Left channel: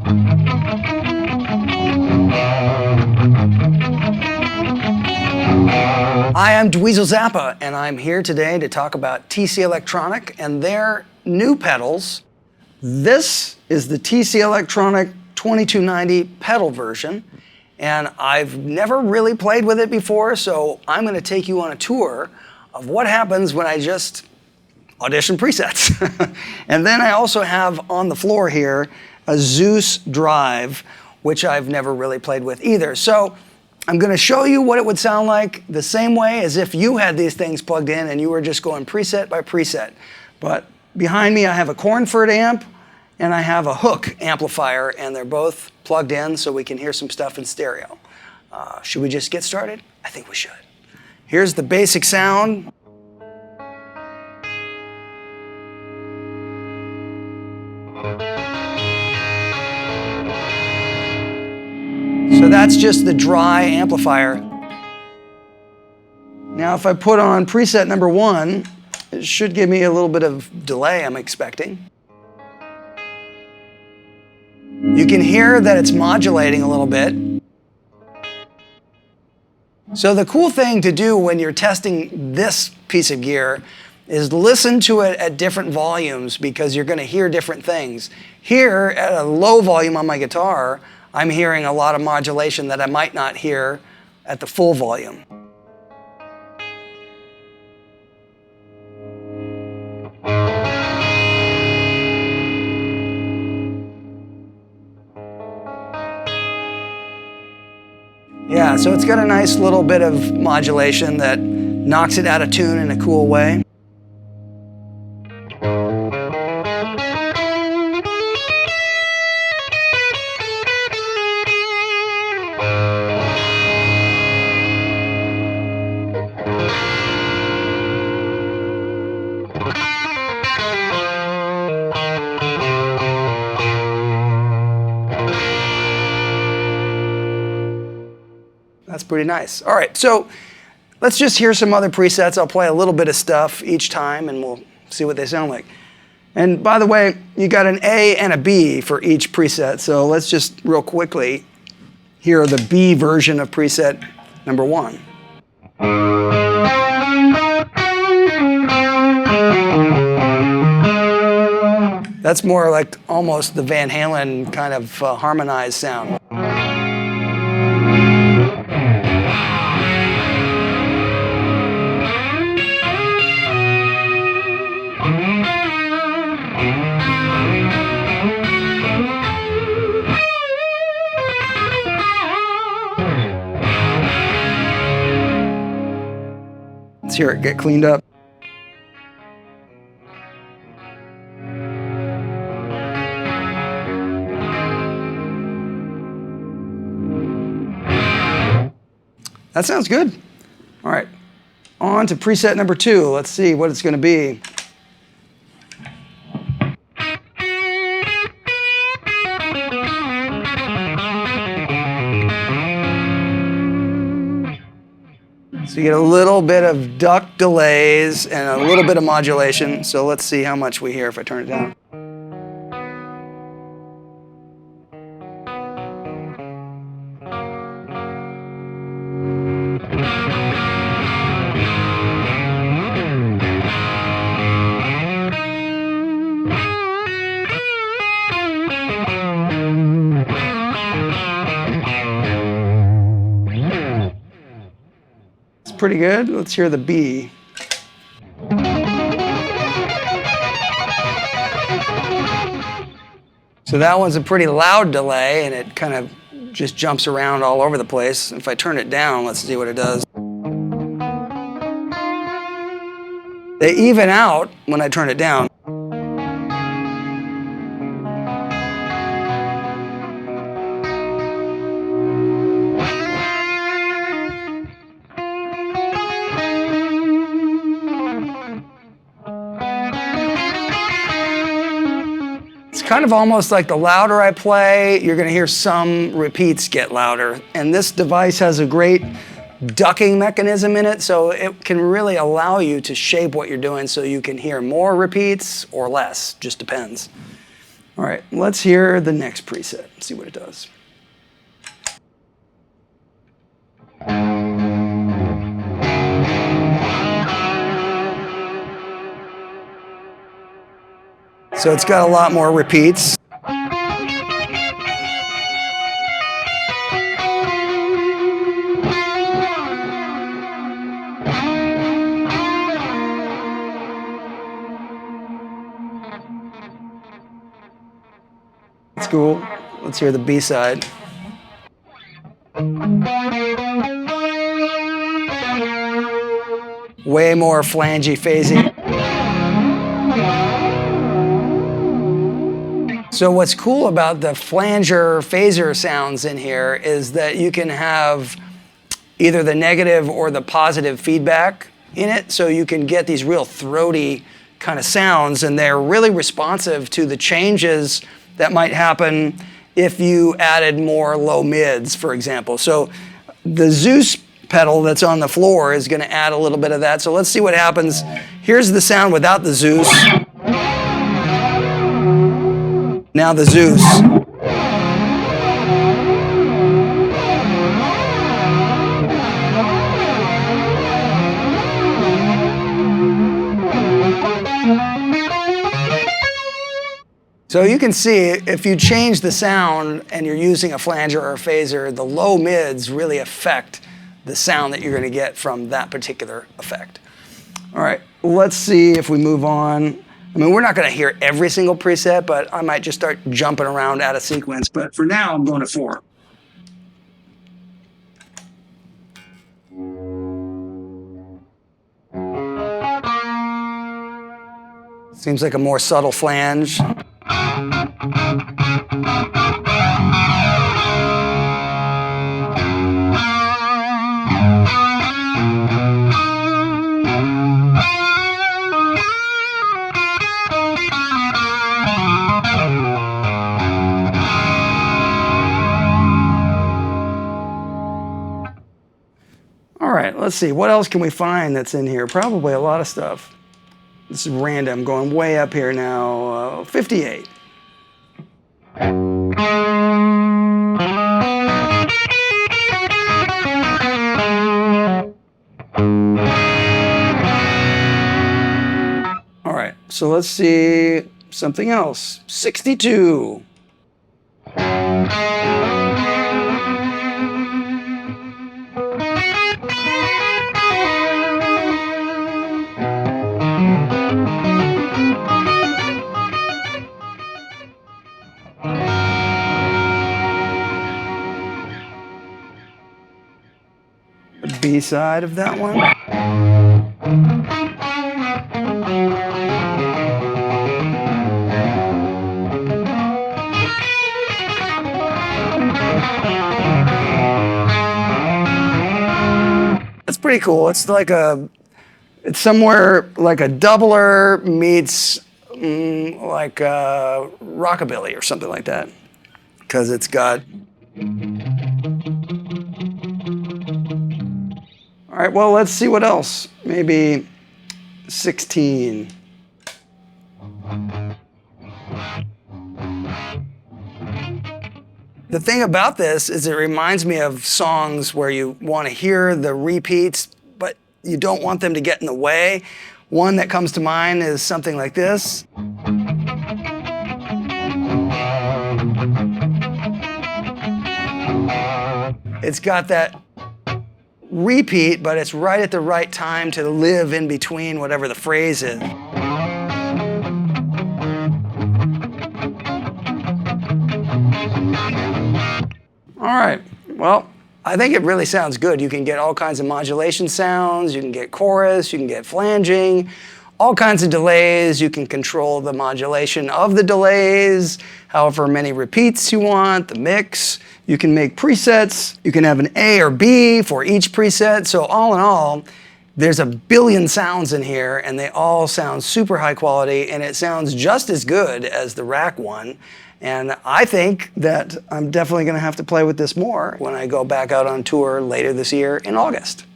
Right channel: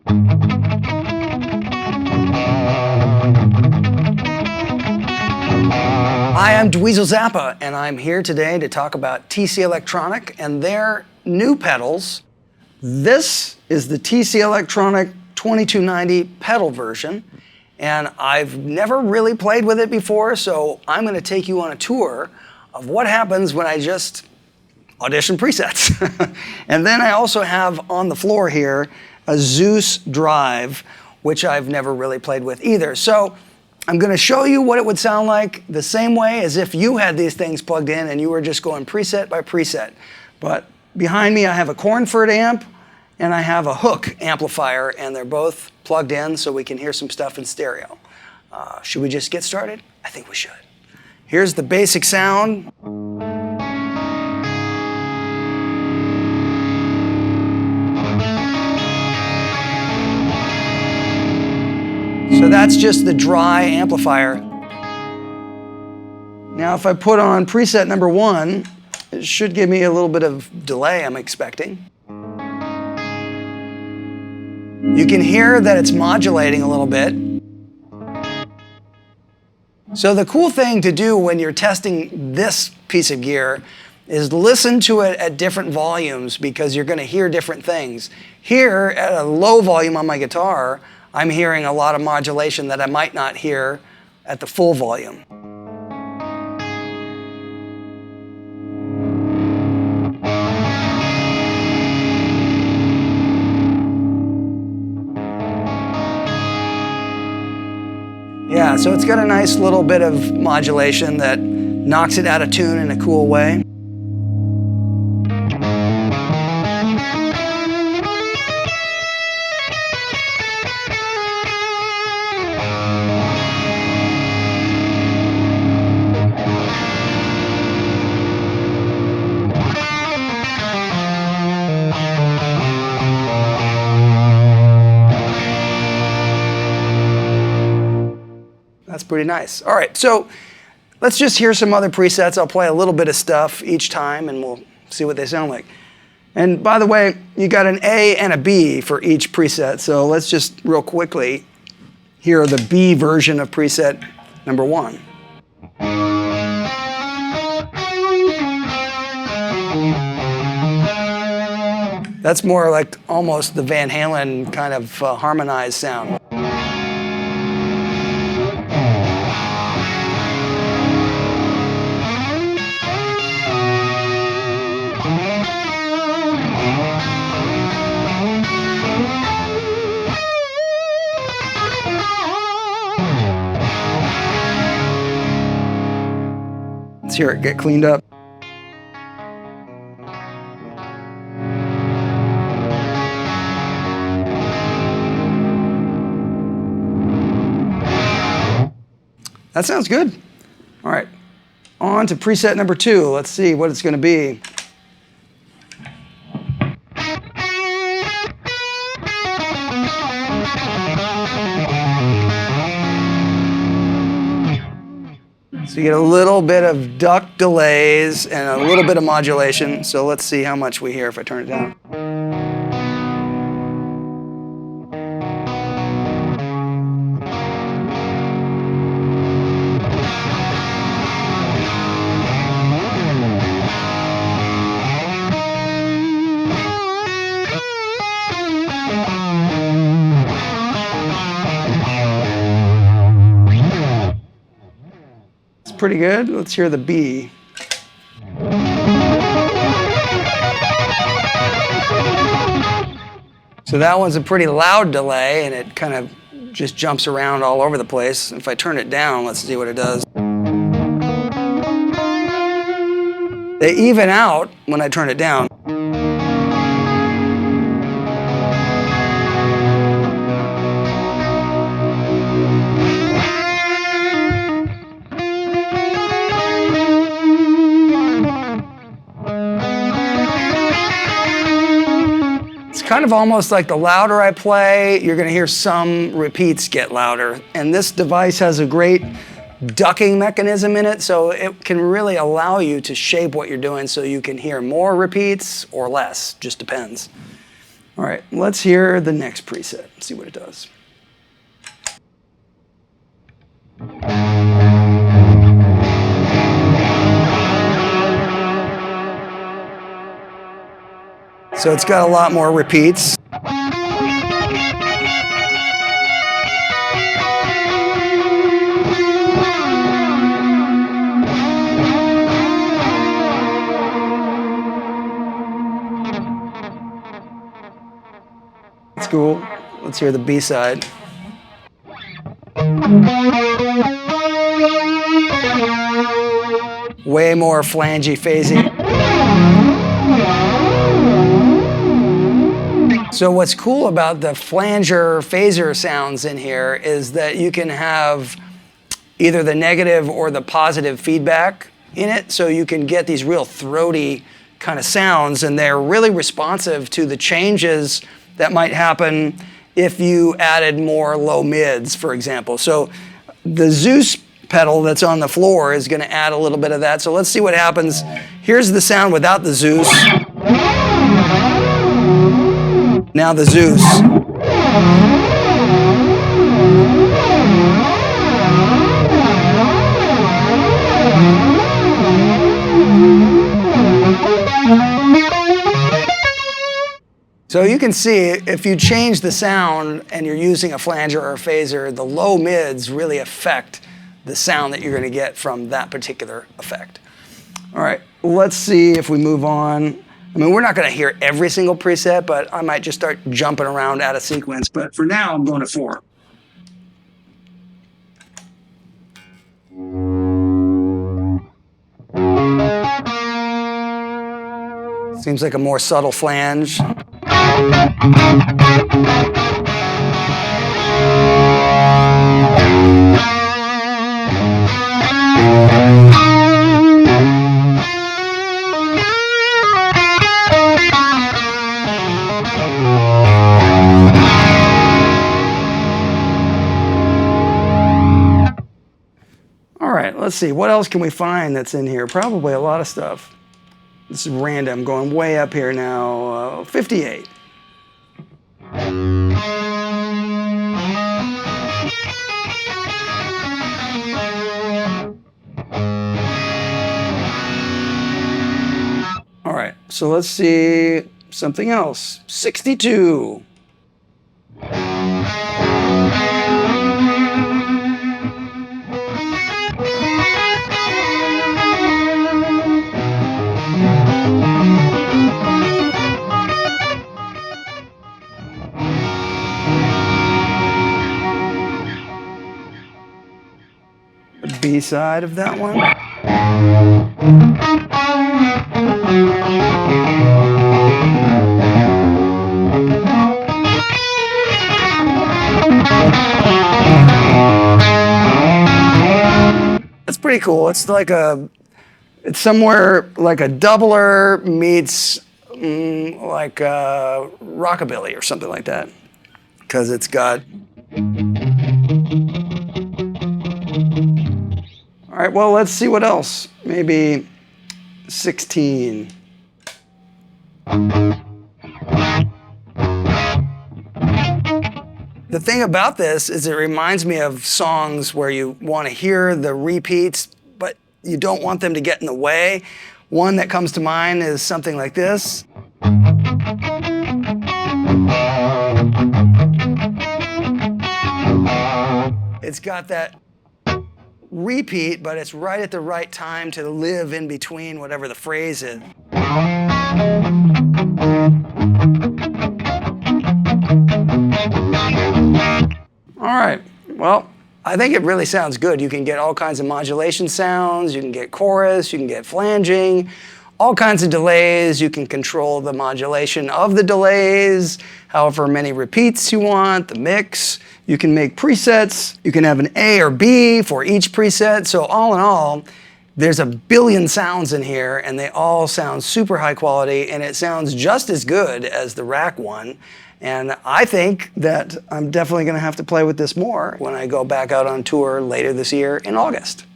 Hi, I'm Dweezil Zappa, and I'm here today to talk about TC Electronic and their new pedals. This is the TC Electronic 2290 pedal version, and I've never really played with it before, so I'm going to take you on a tour of what happens when I just audition presets. And then I also have on the floor here a Zeus drive, which I've never really played with either. So I'm going to show you what it would sound like the same way as if you had these things plugged in and you were just going preset by preset. But behind me I have a Cornford amp and I have a Hook amplifier, and they're both plugged in so we can hear some stuff in stereo. Should we just get started? I think we should. Here's the basic sound. So that's just the dry amplifier. Now if I put on preset number 1, it should give me a little bit of delay, I'm expecting. You can hear that it's modulating a little bit. So the cool thing to do when you're testing this piece of gear is listen to it at different volumes, because you're going to hear different things. Here at a low volume on my guitar, I'm hearing a lot of modulation that I might not hear at the full volume. Yeah, so it's got a nice little bit of modulation that knocks it out of tune in a cool way. That's pretty nice. All right, so let's just hear some other presets. I'll play a little bit of stuff each time and we'll see what they sound like. And by the way, you got an A and a B for each preset, so let's just real quickly hear the B version of preset number 1. That's more like almost the Van Halen kind of harmonized sound. Let's hear it get cleaned up. That sounds good. All right, on to preset number 2. Let's see what it's going to be. So you get a little bit of duck delays and a little bit of modulation. So let's see how much we hear if I turn it down. Pretty good. Let's hear the B. So that one's a pretty loud delay, and it kind of just jumps around all over the place. If I turn it down, let's see what it does. They even out when I turn it down. It's kind of almost like the louder I play, you're going to hear some repeats get louder. And this device has a great ducking mechanism in it, so it can really allow you to shape what you're doing so you can hear more repeats or less, just depends. All right, let's hear the next preset, see what it does. So it's got a lot more repeats. That's cool. Let's hear the B-side. Way more flangey, phasey. So what's cool about the flanger, phaser sounds in here is that you can have either the negative or the positive feedback in it, so you can get these real throaty kind of sounds, and they're really responsive to the changes that might happen if you added more low mids, for example. So the Zeus pedal that's on the floor is going to add a little bit of that. So let's see what happens. Here's the sound without the Zeus. Now the Zeus. So you can see if you change the sound and you're using a flanger or a phaser, the low mids really affect the sound that you're going to get from that particular effect. All right, let's see if we move on. I mean, we're not going to hear every single preset, but I might just start jumping around out of sequence. But for now, I'm going to 4. Seems like a more subtle flange. All right, let's see. What else can we find that's in here? Probably a lot of stuff. This is random, going way up here now. 58. All right, so let's see something else. 62. The B-side of that one. That's pretty cool. It's like it's somewhere like a doubler meets like rockabilly or something like that, because it's got. All right, well, let's see what else. Maybe 16. The thing about this is it reminds me of songs where you want to hear the repeats, but you don't want them to get in the way. One that comes to mind is something like this. It's got that repeat, but it's right at the right time to live in between whatever the phrase is. All right, well, I think it really sounds good. You can get all kinds of modulation sounds, you can get chorus, you can get flanging, all kinds of delays. You can control the modulation of the delays, however many repeats you want, the mix. You can make presets. You can have an A or B for each preset. So all in all, there's a billion sounds in here, and they all sound super high quality, and it sounds just as good as the rack one. And I think that I'm definitely going to have to play with this more when I go back out on tour later this year in August.